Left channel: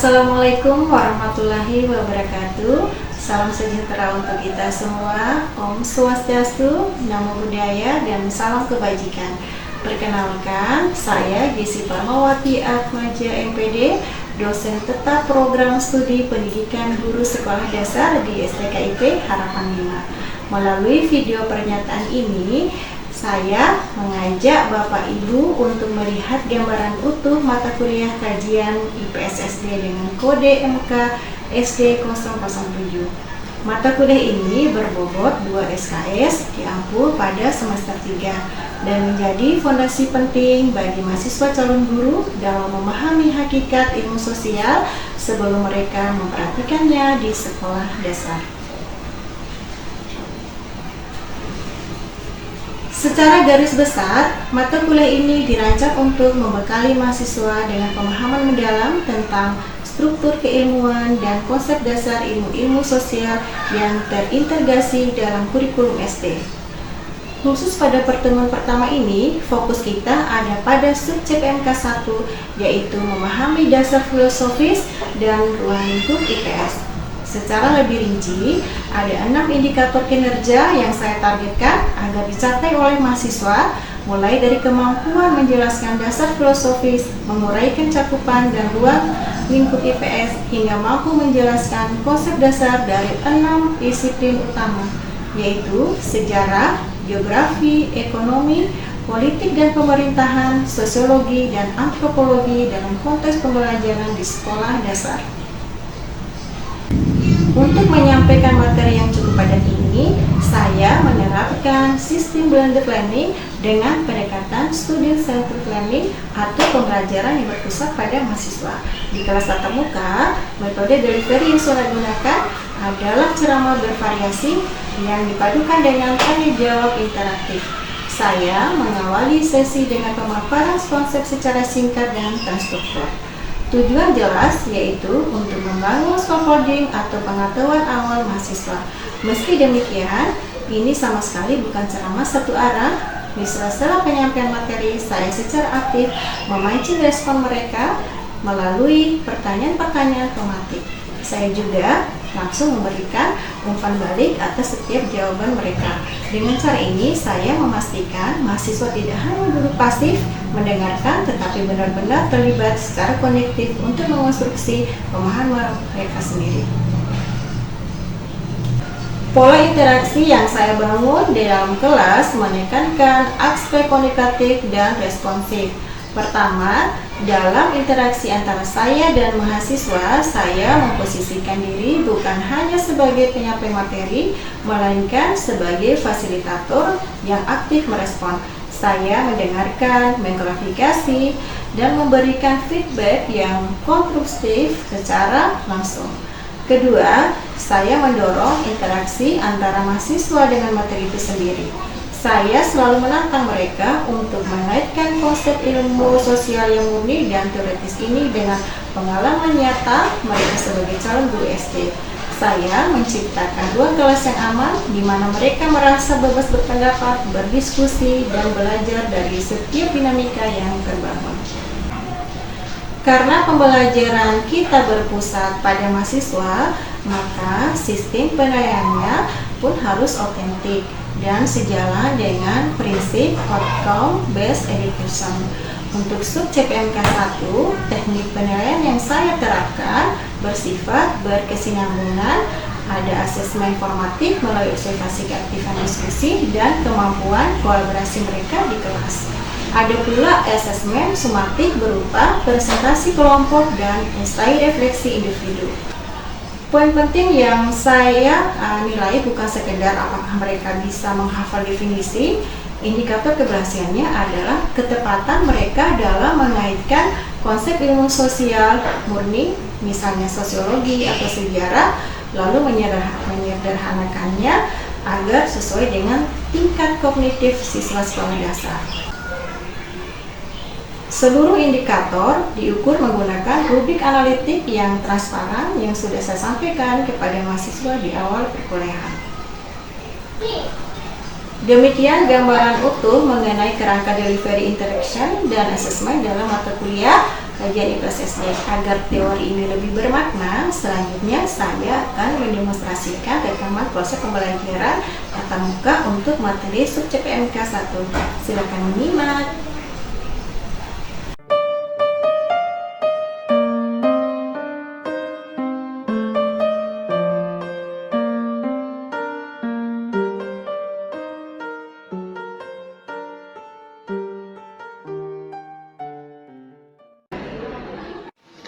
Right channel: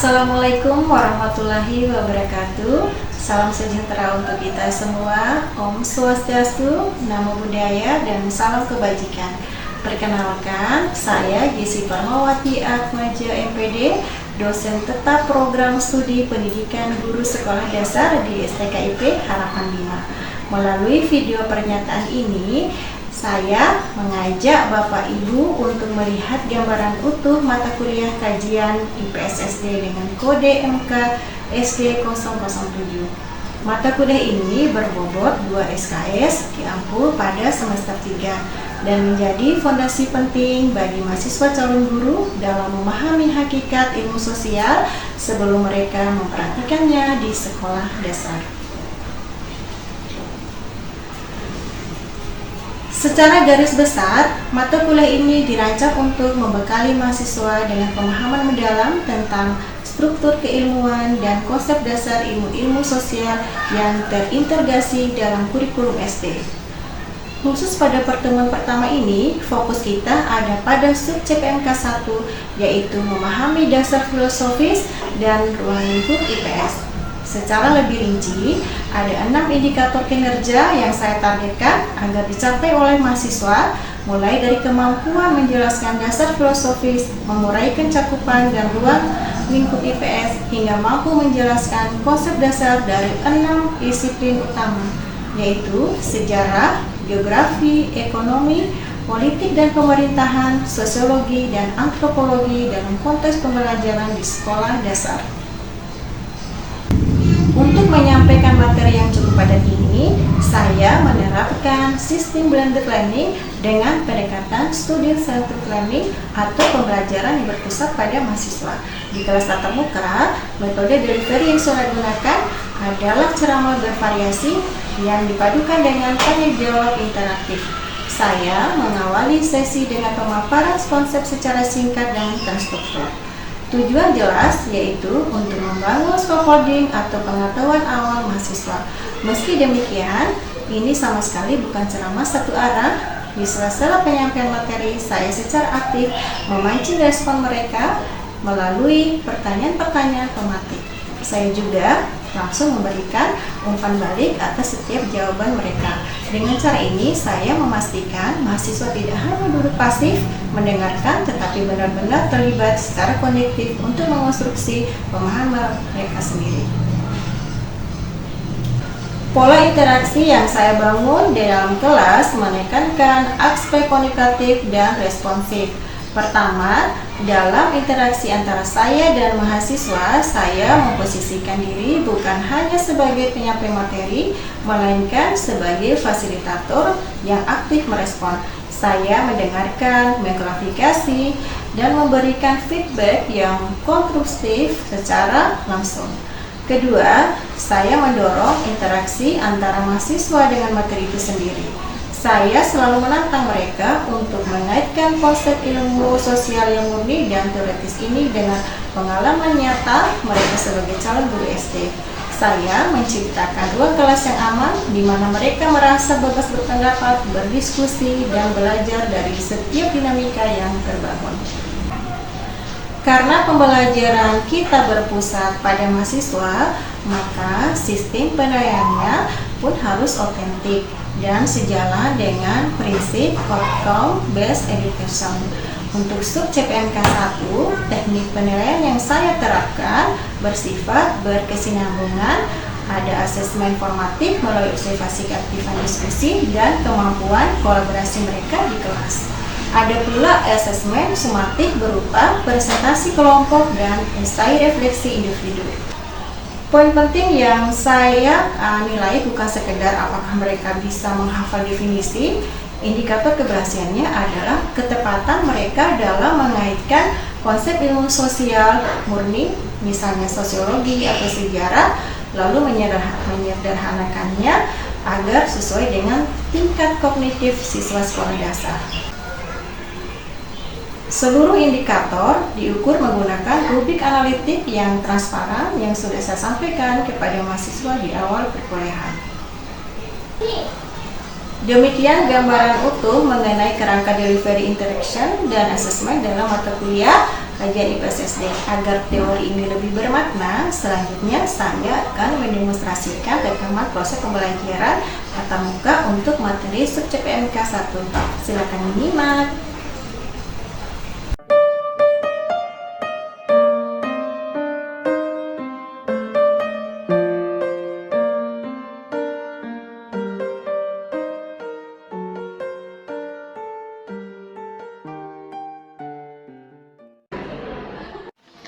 Assalamualaikum warahmatullahi wabarakatuh. Salam sejahtera untuk kita semua. Om Swastiastu, Namo Buddhaya, dan salam kebajikan. Perkenalkan, saya Jessi Parmawati Atmaja MPD, dosen tetap program studi pendidikan guru sekolah dasar di STKIP Harapan 5. Melalui video pernyataan ini, saya mengajak Bapak Ibu untuk melihat gambaran utuh mata kuliah kajian IPS SD dengan kode MK SD 007. Mata kuliah ini berbobot 2 SKS diampu pada semester 3 dan menjadi fondasi penting bagi mahasiswa calon guru dalam memahami hakikat ilmu sosial sebelum mereka mempraktikannya di sekolah dasar. Secara garis besar, mata kuliah ini dirancang untuk membekali mahasiswa dengan pemahaman mendalam tentang struktur keilmuan dan konsep dasar ilmu-ilmu sosial yang terintegrasi dalam kurikulum SD. Khusus pada pertemuan pertama ini, fokus kita ada pada sub CPNK 1, yaitu memahami dasar filosofis dan ruang lingkup IPS. Secara lebih rinci, ada 6 indikator kinerja yang saya targetkan agar dicapai oleh mahasiswa, mulai dari kemampuan menjelaskan dasar filosofis, menguraikan cakupan dan ruang lingkup IPS, hingga mampu menjelaskan konsep dasar dari 6 disiplin utama, yaitu sejarah, geografi, ekonomi, politik dan pemerintahan, sosiologi, dan antropologi dalam konteks pembelajaran di sekolah dasar. Untuk menyampaikan materi yang cukup padat ini, saya menerapkan sistem blended learning dengan pendekatan student-centered learning atau pembelajaran yang berpusat pada mahasiswa. Di kelas tatap muka, metode delivery yang saya gunakan adalah ceramah bervariasi yang dipadukan dengan tanya jawab interaktif. Saya mengawali sesi dengan pemaparan konsep secara singkat dan terstruktur. Tujuan jelas yaitu untuk membangun scaffolding atau pengetahuan awal mahasiswa. Meski demikian, ini sama sekali bukan ceramah satu arah. Di sela-sela penyampaian materi, saya secara aktif memancing respon mereka melalui pertanyaan-pertanyaan tematik. Saya juga langsung memberikan umpan balik atas setiap jawaban mereka. Dengan cara ini, saya memastikan mahasiswa tidak hanya duduk pasif mendengarkan, tetapi benar-benar terlibat secara konektif untuk mengonstruksi pemahaman mereka sendiri. Pola interaksi yang saya bangun di dalam kelas menekankan aspek komunikatif dan responsif. Pertama, dalam interaksi antara saya dan mahasiswa, saya memposisikan diri bukan hanya sebagai penyampai materi, melainkan sebagai fasilitator yang aktif merespon. Saya mendengarkan, mengklarifikasi, dan memberikan feedback yang konstruktif secara langsung. Kedua, saya mendorong interaksi antara mahasiswa dengan materi itu sendiri. Saya selalu menantang mereka untuk mengaitkan konsep ilmu sosial yang murni dan teoretis ini dengan pengalaman nyata mereka sebagai calon guru SD. Saya menciptakan ruang kelas yang aman di mana mereka merasa bebas berpendapat, berdiskusi, dan belajar dari setiap dinamika yang terbangun. Karena pembelajaran kita berpusat pada mahasiswa, maka sistem penilaiannya pun harus otentik dan sejalan dengan prinsip outcome based education. Untuk sub CPNK 1, teknik penilaian yang saya terapkan bersifat berkesinambungan, ada asesmen formatif melalui observasi keaktifan diskusi dan kemampuan kolaborasi mereka di kelas. Ada pula asesmen sumatif berupa presentasi kelompok dan esai refleksi individu. Poin penting yang saya nilai bukan sekedar apakah mereka bisa menghafal definisi. Indikator keberhasilannya adalah ketepatan mereka dalam mengaitkan konsep ilmu sosial murni, misalnya sosiologi atau sejarah, lalu menyederhanakannya agar sesuai dengan tingkat kognitif siswa sekolah dasar. Seluruh indikator diukur menggunakan rubrik analitik yang transparan yang sudah saya sampaikan kepada mahasiswa di awal perkuliahan. Demikian gambaran utuh mengenai kerangka delivery interaction dan asesmen dalam mata kuliah kajian IPS SD. Agar teori ini lebih bermakna, selanjutnya saya akan mendemonstrasikan rekaman proses pembelajaran tatap muka untuk materi subjek PMK 1. Silakan menyimak.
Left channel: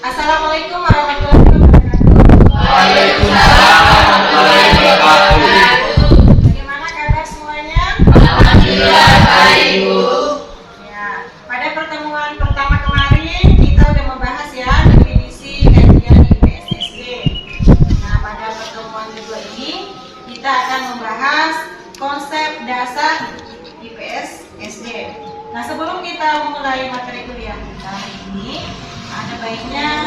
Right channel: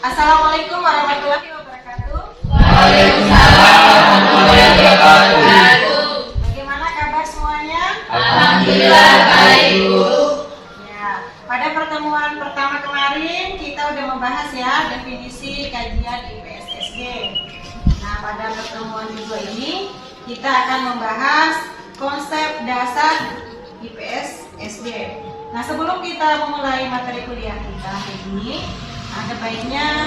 Assalamualaikum warahmatullahi wabarakatuh. Waalaikumsalam warahmatullahi wabarakatuh. Bagaimana kabar semuanya? Alhamdulillah baik, Bu. Ya, pada pertemuan pertama kemarin kita udah membahas ya definisi kajian IPS SD. Nah, pada pertemuan kedua ini kita akan membahas konsep dasar IPS SD. Nah, sebelum kita memulai materi kuliah kita hari ini, ada baiknya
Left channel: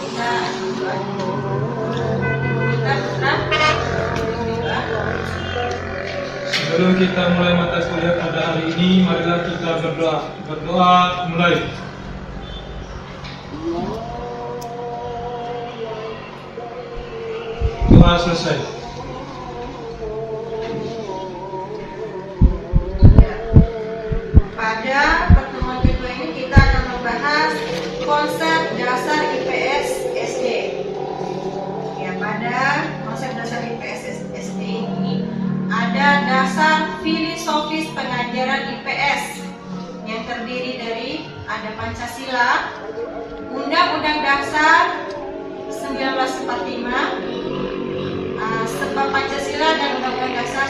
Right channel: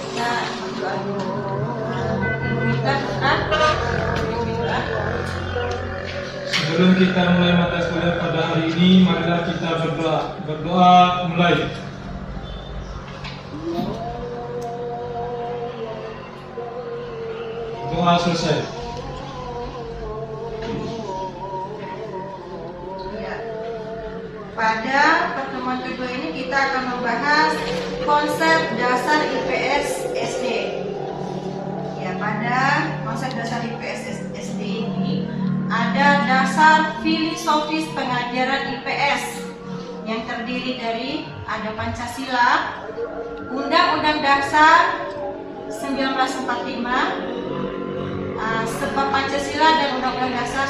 kita berdoa dulu. Kita putra berdoa. Sebelum kita mulai materi kuliah pada hari ini, marilah kita berdoa. Berdoa mulai. Doa selesai. Ya. Pada pertemuan kedua ini kita akan membahas konsep dasar IPS SD. Ya, pada konsep dasar IPS SD ini ada dasar filosofis pengajaran IPS yang terdiri dari ada Pancasila, Undang-Undang Dasar 1945, sebab Pancasila dan Undang-Undang Dasar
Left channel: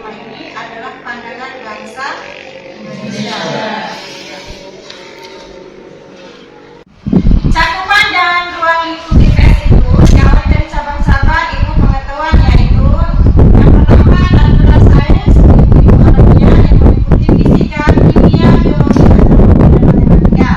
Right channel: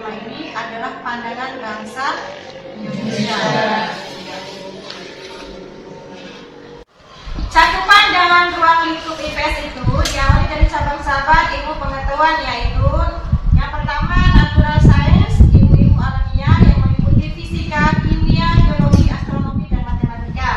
1945 ini adalah pandangan bangsa Indonesia. Cakupan dalam ruang lingkup IPS itu diawali dari cabang-cabang ilmu pengetahuan, yaitu yang pertama natural science, ilmu alamiah yang meliputi fisika, kimia, biologi, astronomi, dan matematika.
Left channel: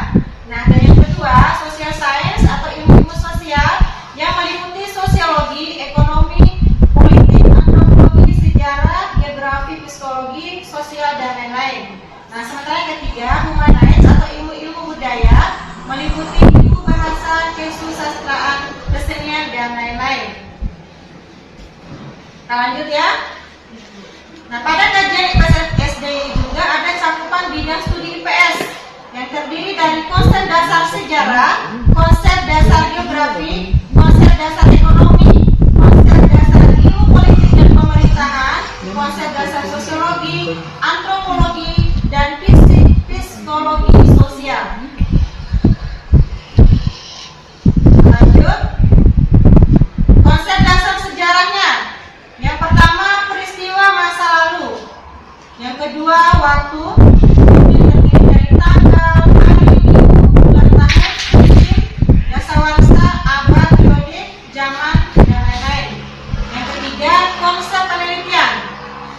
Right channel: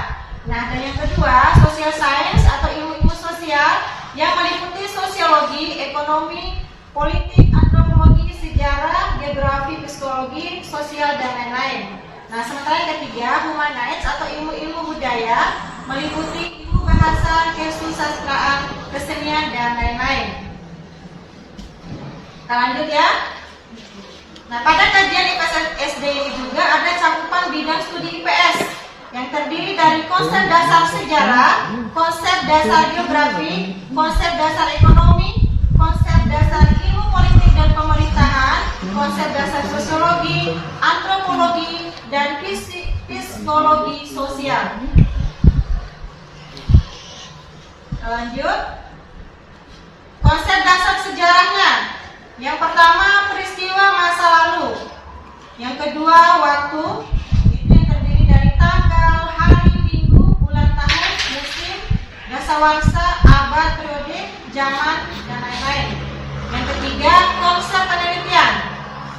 Nah, dan yang kedua social science atau ilmu-ilmu sosial yang meliputi sosiologi, ekonomi, politik, antropologi, sejarah, geografi, psikologi, sosial, dan lain-lain. Nah, sementara yang ketiga humanities atau ilmu-ilmu budaya meliputi ilmu bahasa, kesusastraan, kesenian, dan lain-lain. Kita lanjut ya. Nah, pada kajian IPS SD ini juga ada cakupan bidang studi IPS yang terdiri dari konsep dasar sejarah, konsep dasar geografi, konsep dasar ekonomi, konsep dasar ilmu politik dan pemerintahan, konsep dasar sosiologi, antropologi, dan psikologi sosial. Lanjut, konsep dasar sejarahnya. Yang pertama peristiwa masa lalu. Yang kedua waktu, yang terdiri dari tanggal, hari, minggu, bulan, tahun, musim, dasawarsa, abad, periode, zaman, dan lain-lain. Yang ketiga konsep penelitian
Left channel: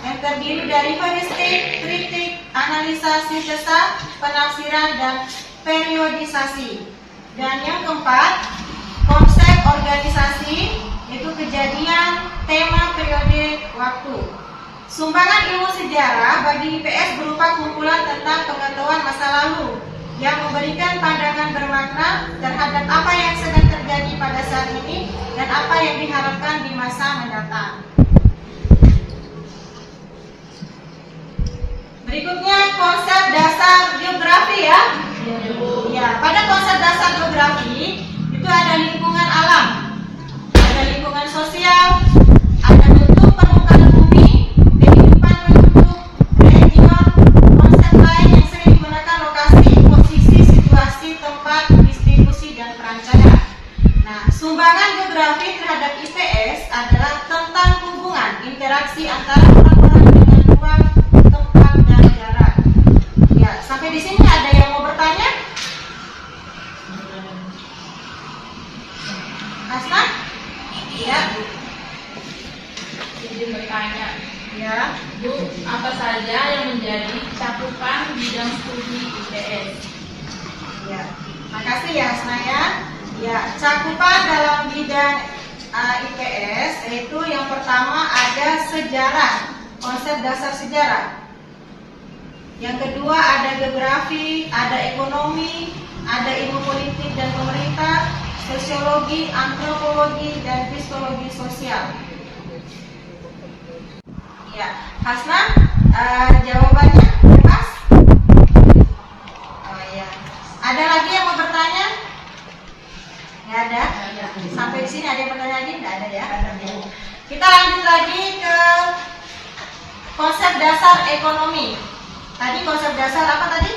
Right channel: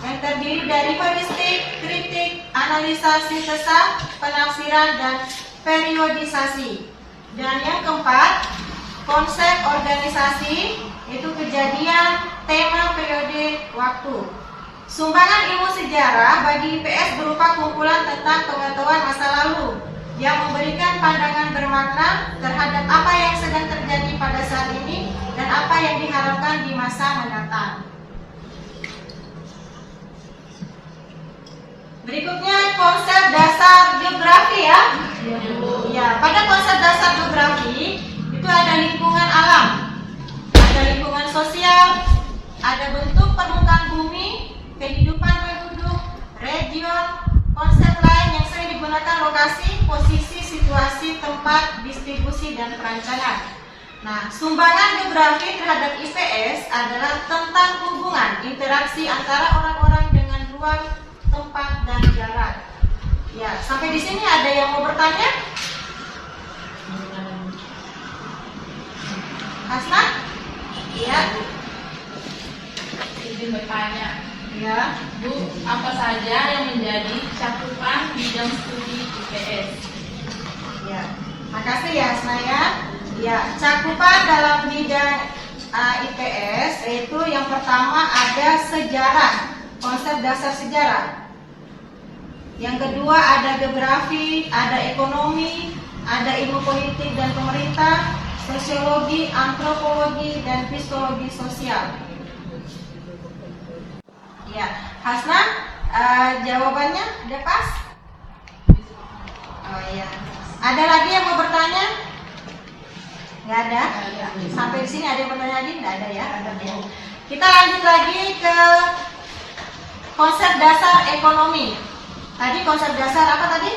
yang terdiri dari heuristik, kritik, analisa, sintesa, penafsiran, dan periodisasi. Dan yang keempat konsep organisasi, itu kejadian, tema, periode, waktu. Sumbangan ilmu sejarah bagi IPS berupa kumpulan tentang pengetahuan masa lalu yang memberikan pandangan bermakna terhadap apa yang sedang terjadi pada saat ini dan apa yang diharapkan di masa mendatang. Berikutnya konsep dasar geografi ya. Ya, pada konsep dasar geografi itu ada lingkungan alam, ada lingkungan sosial, ada bentuk permukaan bumi, kehidupan penduduk, region, konsep lain yang sering digunakan lokasi, posisi, situasi, tempat, distribusi, dan perancangan. Nah, sumbangan geografi terhadap IPS adalah tentang hubungan interaksi antara orang-orang dengan ruang, tempat, dan jarak. Ya, sampai di sini ada yang mau bertanya? Hasna? Iya. Izin bertanya, Ya. Bu, apa saja yang menjadi cakupan bidang studi IPS? Ya. Makasih ya Hasna ya. Ya, cakupan dalam bidang IPS yaitu yang pertama ada sejarah, konsep dasar sejarah. Yang kedua ada geografi, ada ekonomi, ada ilmu politik dan pemerintah, sosiologi, antropologi, dan psikologi sosial. Ya, Hasna, jawabannya bebas? Oh iya. Ada lagi yang mau bertanya? Nggak ada? Sampai di sini ada yang bertanya lagi? Nggak ada ya? Kita lanjut lagi ke konsep dasar ekonomi. Tadi konsep dasar apa tadi?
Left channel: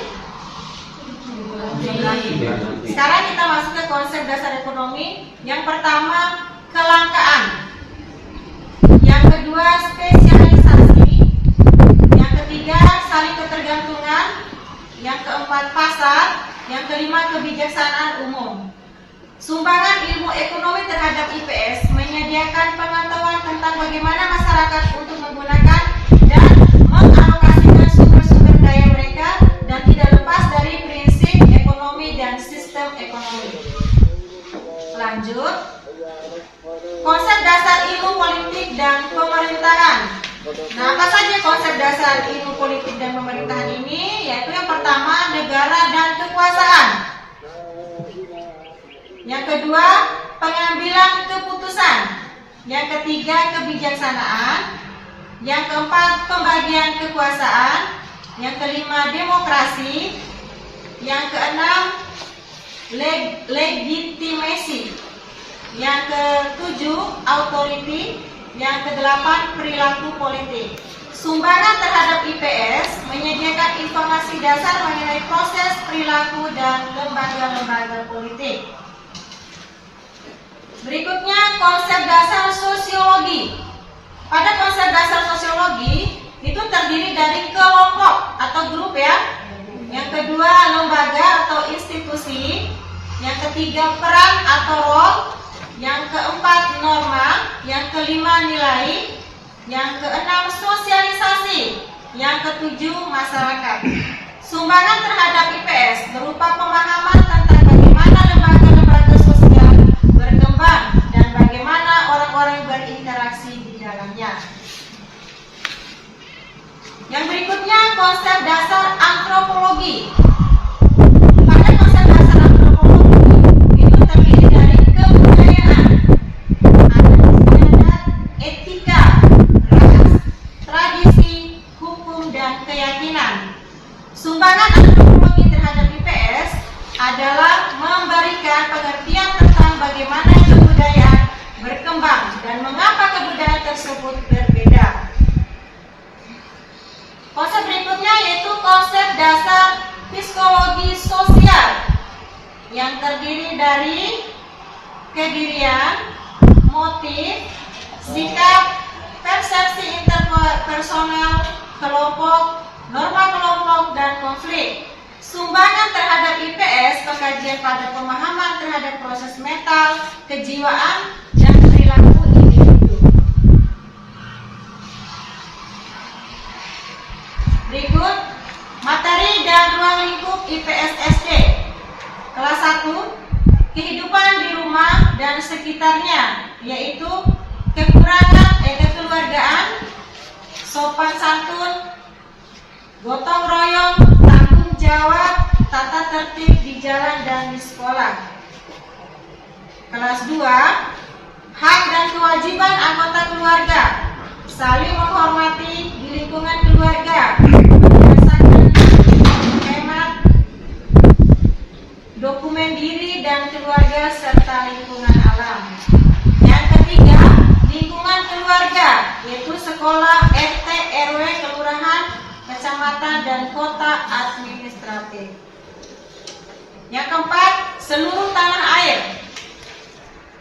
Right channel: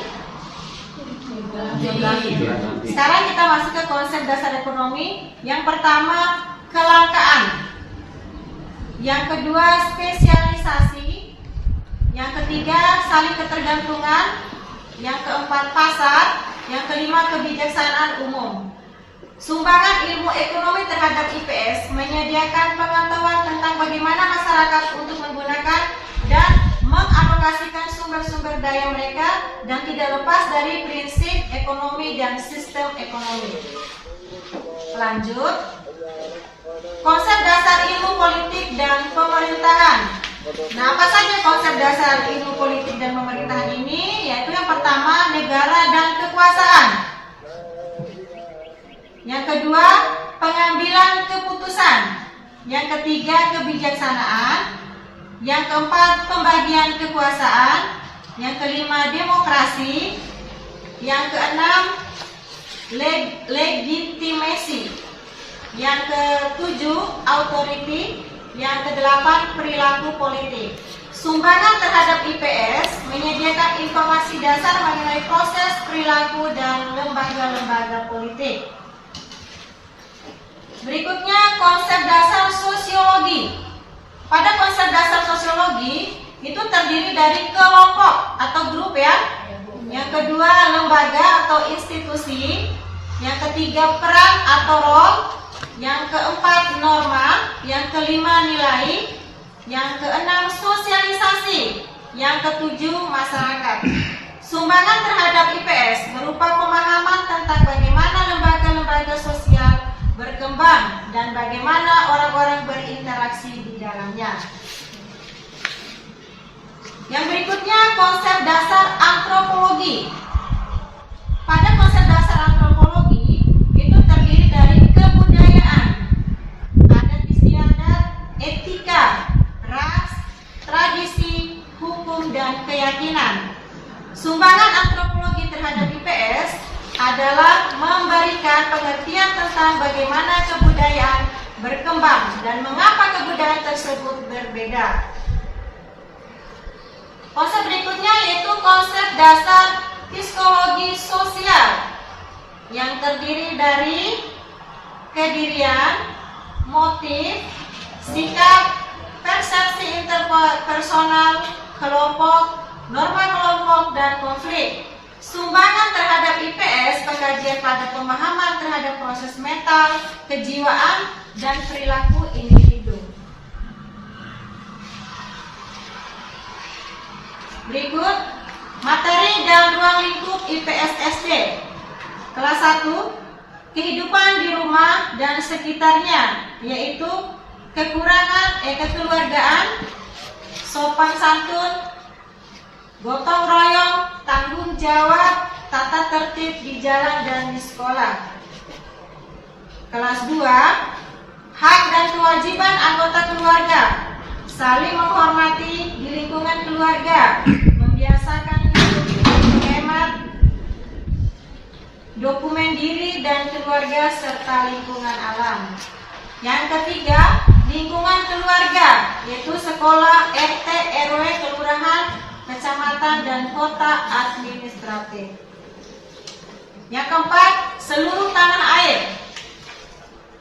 Sekarang kita masuk ke konsep dasar ekonomi. Yang pertama, kelangkaan. Yang kedua, spesialisasi. Yang ketiga, saling ketergantungan. Yang keempat, pasar. Yang kelima, kebijaksanaan umum. Sumbangan ilmu ekonomi terhadap IPS menyediakan pengetahuan tentang bagaimana masyarakat untuk menggunakan dan mengalokasikan sumber-sumber daya mereka dan tidak lepas dari prinsip ekonomi dan sistem ekonomi. Lanjut, konsep dasar ilmu politik dan pemerintahan. Nah, apa saja konsep dasar ilmu politik dan pemerintahan ini? Yaitu yang pertama, negara dan kekuasaan. Yang kedua, pengambilan keputusan. Yang ketiga, kebijaksanaan. Yang keempat, pembagian kekuasaan. Yang kelima, demokrasi. Yang keenam, legitimasi. Yang ketujuh, authority. Yang kedelapan, perilaku politik. Sumbangan terhadap IPS menyediakan informasi dasar mengenai proses, perilaku, dan lembaga-lembaga politik. Berikutnya, konsep dasar sosiologi. Pada konsep dasar sosiologi itu terdiri dari kelompok atau grup ya. Yang kedua, lembaga atau institusi. Yang ketiga, peran atau role. Yang keempat, norma. Yang kelima, nilai. Yang keenam, sosialisasi. Yang ketujuh, masyarakat. Sumbangan terhadap IPS berupa pemahaman tentang bagaimana lembaga-lembaga sosial berkembang dan bagaimana orang-orang berinteraksi di dalamnya. Yang berikutnya, konsep dasar antropologi. Pada konsep dasar antropologi itu terdiri dari kebudayaan, adat istiadat, etika, ras, tradisi, hukum, dan keyakinan. Sumbangan antropologi terhadap IPS adalah memberikan pengertian tentang bagaimana kebudayaan berkembang dan mengapa kebudayaan tersebut berbeda. Konsep berikutnya yaitu konsep dasar psikologi sosial yang terdiri dari kedirian, motif, sikap, persepsi interpersonal, kelompok, norma kelompok, dan konflik. Sumbangan terhadap IPS, pengkajian pada pemahaman terhadap proses mental, kejiwaan, dan perilaku individu. Berikut, materi dan ruang lingkup IPS SD. Kelas 1, kehidupan di rumah dan sekitarnya, yaitu kekeluargaan, sopan santun, gotong royong, tanggung jawab, tata tertib di jalan dan di sekolah. Kelas 2, hak dan kewajiban anggota keluarga, saling menghormati di lingkungan keluarga, membiasakan hemat, dokumen diri dan keluarga serta lingkungan alam. Yang ketiga, lingkungan keluarga, yaitu sekolah, RT, RW, kelurahan, kecamatan, dan kota administratif. Yang keempat, seluruh tanah air.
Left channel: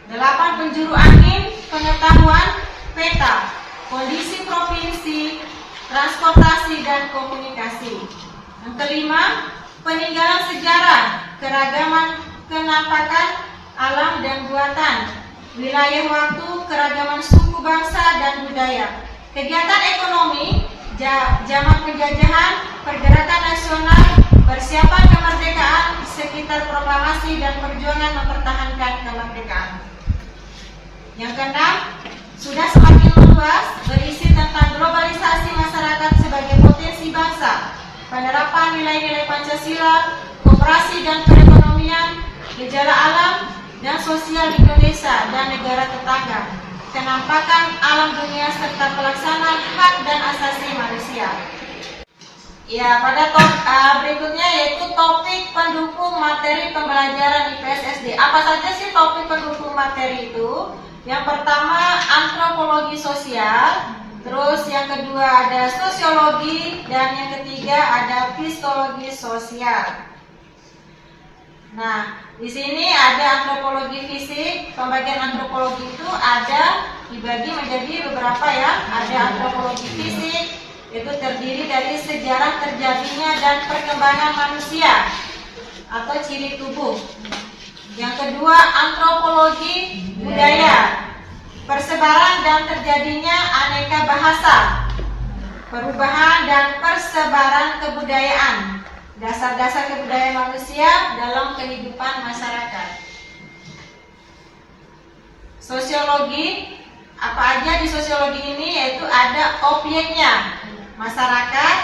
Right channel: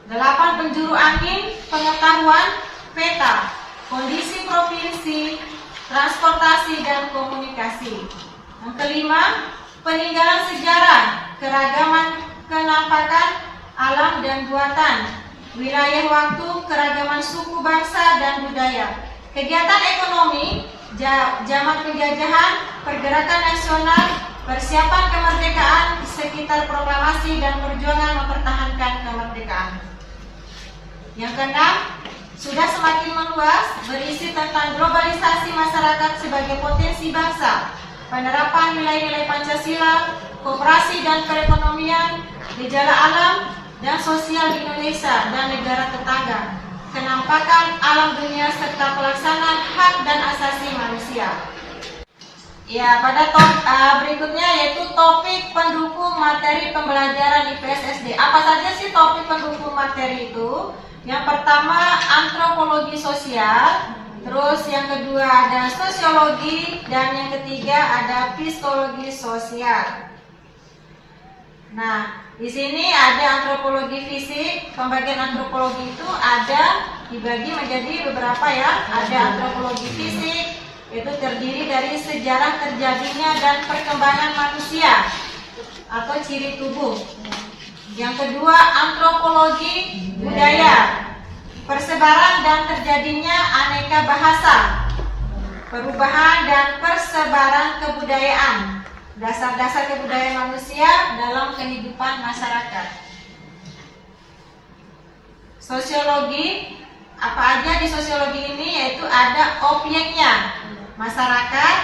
8, penjuru angin, pengetahuan, peta, kondisi provinsi, transportasi, dan komunikasi. Yang kelima, peninggalan sejarah, keragaman kenampakan, alam dan buatan, wilayah waktu, keragaman suku, bangsa, dan budaya. Kegiatan ekonomi, zaman penjajahan, pergerakan nasional, persiapan kemerdekaan, sekitar proklamasi, dan perjuangan mempertahankan kemerdekaan. Yang keenam, sudah semakin meluas, berisi tentang globalisasi masyarakat sebagai potensi bangsa, penerapan nilai-nilai Pancasila, demokrasi dan perekonomian, gejala alam dan sosial di Indonesia dan negara tetangga, kenampakan alam dunia serta pelaksanaan hak dan asasi manusia. Ya, pada berikutnya yaitu topik pendukung materi pembelajaran IPS SD. Apa saja sih topik pendukung materi itu? Yang pertama antropologi sosial, terus yang kedua ada sosiologi, dan yang ketiga ada psikologi sosial. Nah, di sini ada antropologi fisik. Pembagian antropologi itu ada dibagi menjadi beberapa ya. Ada antropologi fisik, itu terdiri dari sejarah terjadinya dan perkembangan manusia atau ciri tubuh. Yang kedua antropologi budaya, persebaran dan terjadinya aneka bahasa, perubahan dan persebaran kebudayaan, dasar-dasar kebudayaan manusia dalam kehidupan masyarakat. Sosiologi, apa aja di sosiologi ini? Yaitu ada objeknya, masyarakat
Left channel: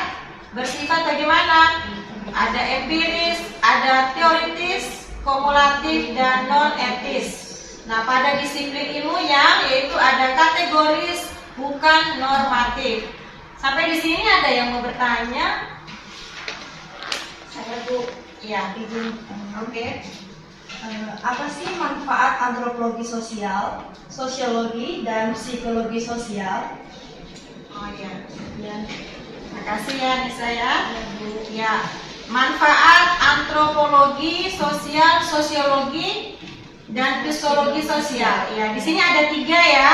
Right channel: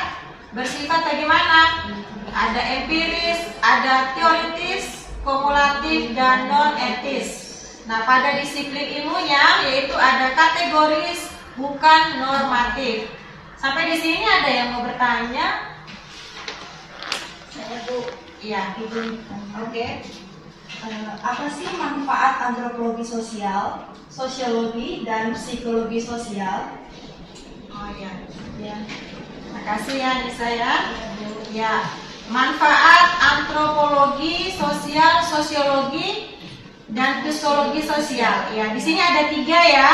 bersifat bagaimana? Ada empiris, ada teoritis, kumulatif, dan non-etis. Nah, pada disiplin ilmunya yaitu ada kategoris, bukan normatif. Sampai di sini ada yang mau bertanya? Saya Bu, Iya. izin. Oke. Apa sih manfaat antropologi sosial, sosiologi, dan psikologi sosial? Oh iya. Ya. Makasih ya Nisa ya. Ya. Manfaat antropologi sosial, sosiologi, dan psikologi sosial. Ya, di sini ada 3 ya.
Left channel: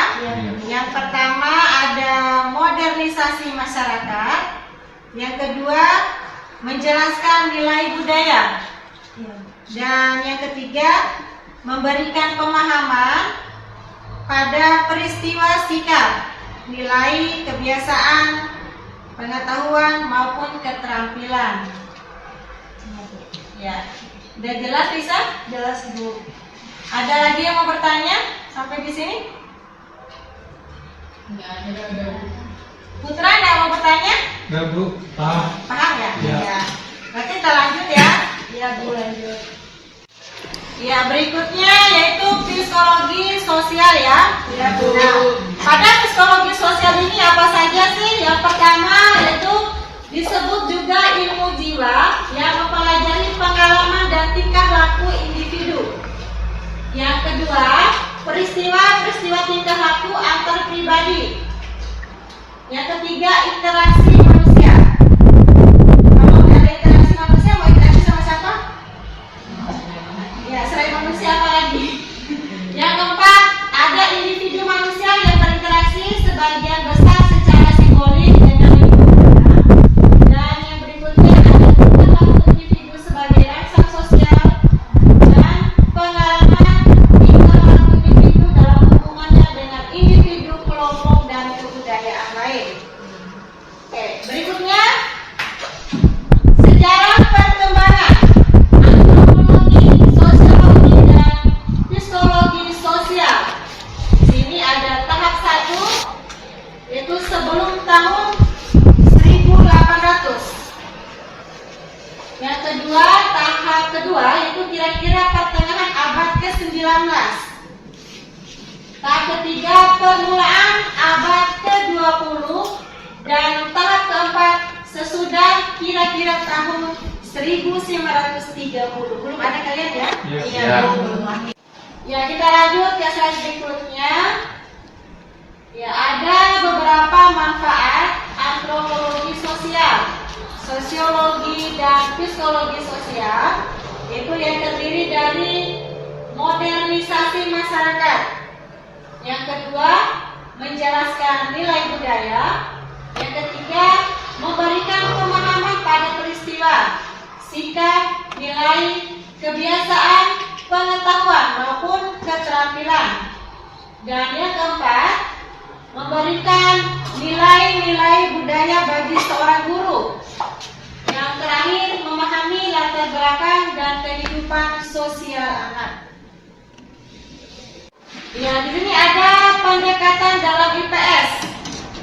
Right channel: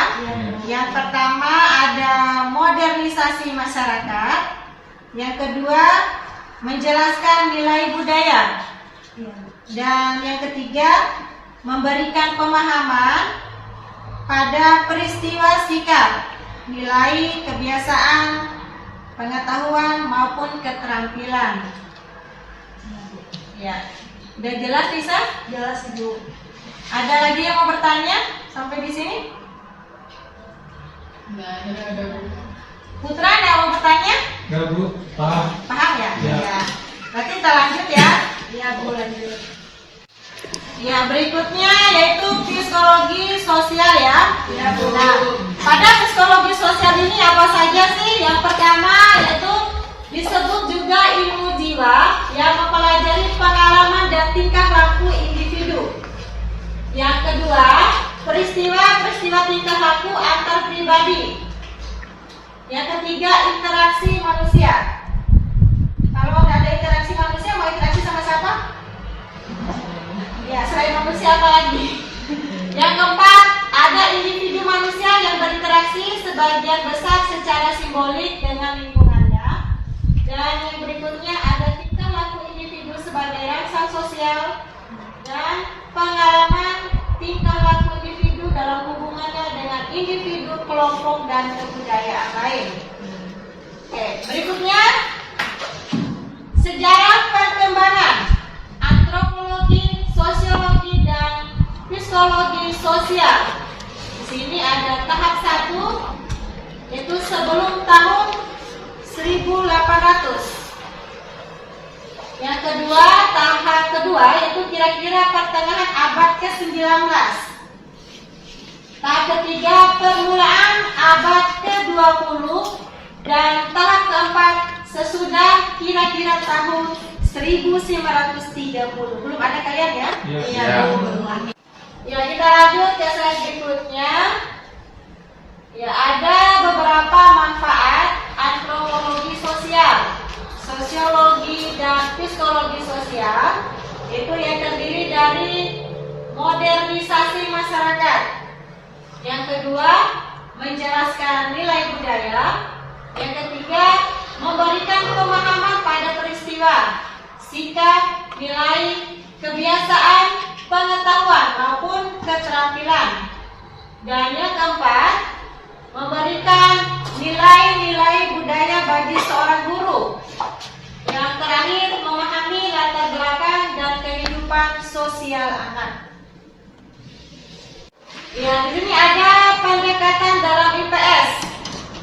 Yang pertama ada modernisasi masyarakat. Yang kedua menjelaskan nilai budaya. Ya. Dan yang ketiga memberikan pemahaman pada peristiwa sikap, nilai, kebiasaan, pengetahuan maupun keterampilan. Ya, udah jelas Lisa? Jelas Bu. Ada lagi yang mau bertanya sampai di sini? Enggak ada. Putra ada yang mau bertanya? Enggak Bu, paham. Paham ya? Ya. Berarti kita lanjut ya. Iya Bu, lanjut. Ya, berikutnya yaitu psikologi sosial ya. Ya Bu. Nah, pada psikologi sosial ini apa saja sih? Yang pertama yaitu disebut juga ilmu jiwa yang mempelajari pengalaman dan tingkah laku individu. Yang kedua, peristiwa-peristiwa tingkah laku antar pribadi. Yang ketiga, interaksi manusia. Kalau nggak ada interaksi manusia, mau interaksi sama siapa? Ya, selain manusia apa lagi? Yang keempat, ada individu manusia yang berinteraksi sebagian besar secara simbolik dengan lingkungannya. Dan yang berikutnya ada tingkah laku individu sebagai rangsang sosial dan pengalaman tingkah laku individu dalam hubungannya dengan individu, kelompok, dan kebudayaan lain. Oke, berikutnya sejarah perkembangan antropologi, sosiologi, dan psikologi sosial. Di sini ada tahap 1 yaitu sebelum tahun 1800. Yang kedua, tahap kedua yaitu kira-kira pertengahan abad ke-19. Tahap ketiga permulaan abad ke-20 dan tahap keempat sesudah kira-kira tahun 1930. Belum ada kalian ya? Iya. Iya. Belum lagi. Ya, kita lanjut ke slide berikutnya. Ya, ada beberapa manfaat antropologi sosial, sosiologi, dan psikologi sosial, yaitu yang terdiri dari modernisasi masyarakat. Yang kedua, menjelaskan nilai budaya. Yang ketiga, memberikan pemahaman pada peristiwa, sikap, nilai, kebiasaan, pengetahuan maupun keterampilan. Dan yang keempat, memberikan nilai-nilai budaya bagi seorang guru. Yang terakhir, memahami latar belakang dan kehidupan sosial anak. Ya, di sini ada pendekatan dalam IPS.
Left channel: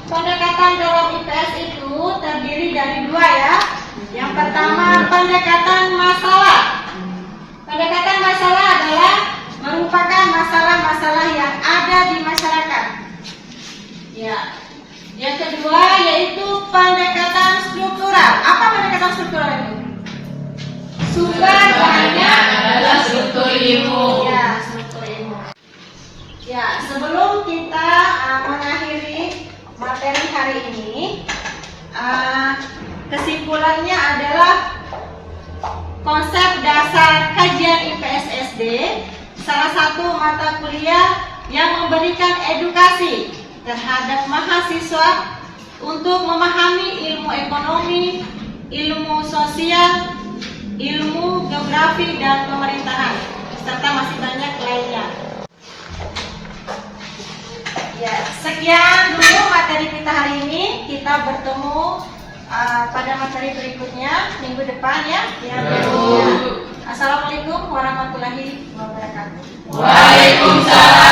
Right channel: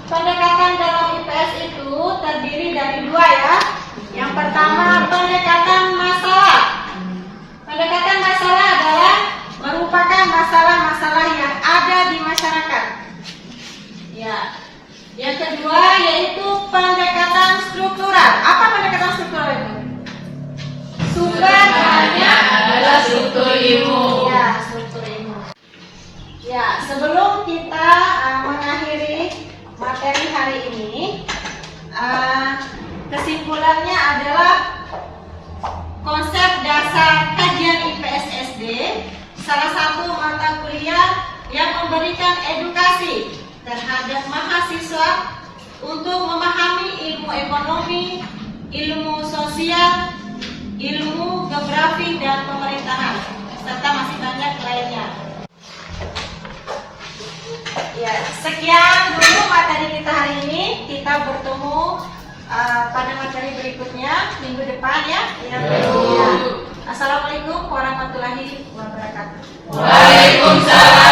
Pendekatan dalam IPS itu terdiri dari 2 ya. Yang pertama, pendekatan masalah. Pendekatan masalah adalah merupakan masalah-masalah yang ada di masyarakat. Ya. Yang kedua yaitu pendekatan struktural. Apa pendekatan struktural itu? Sumber bahannya adalah struktur ilmu. Ya, struktur ilmu. Ya, sebelum kita mengakhiri materi hari ini, kesimpulannya adalah konsep dasar kajian IPS SD, salah satu mata kuliah yang memberikan edukasi terhadap mahasiswa untuk memahami ilmu ekonomi, ilmu sosial, ilmu geografi dan pemerintahan, serta masih banyak lainnya. Ya, sekian dulu materi kita hari ini. Kita bertemu pada materi berikutnya minggu depan ya. Assalamualaikum warahmatullahi wabarakatuh. Waalaikumsalam.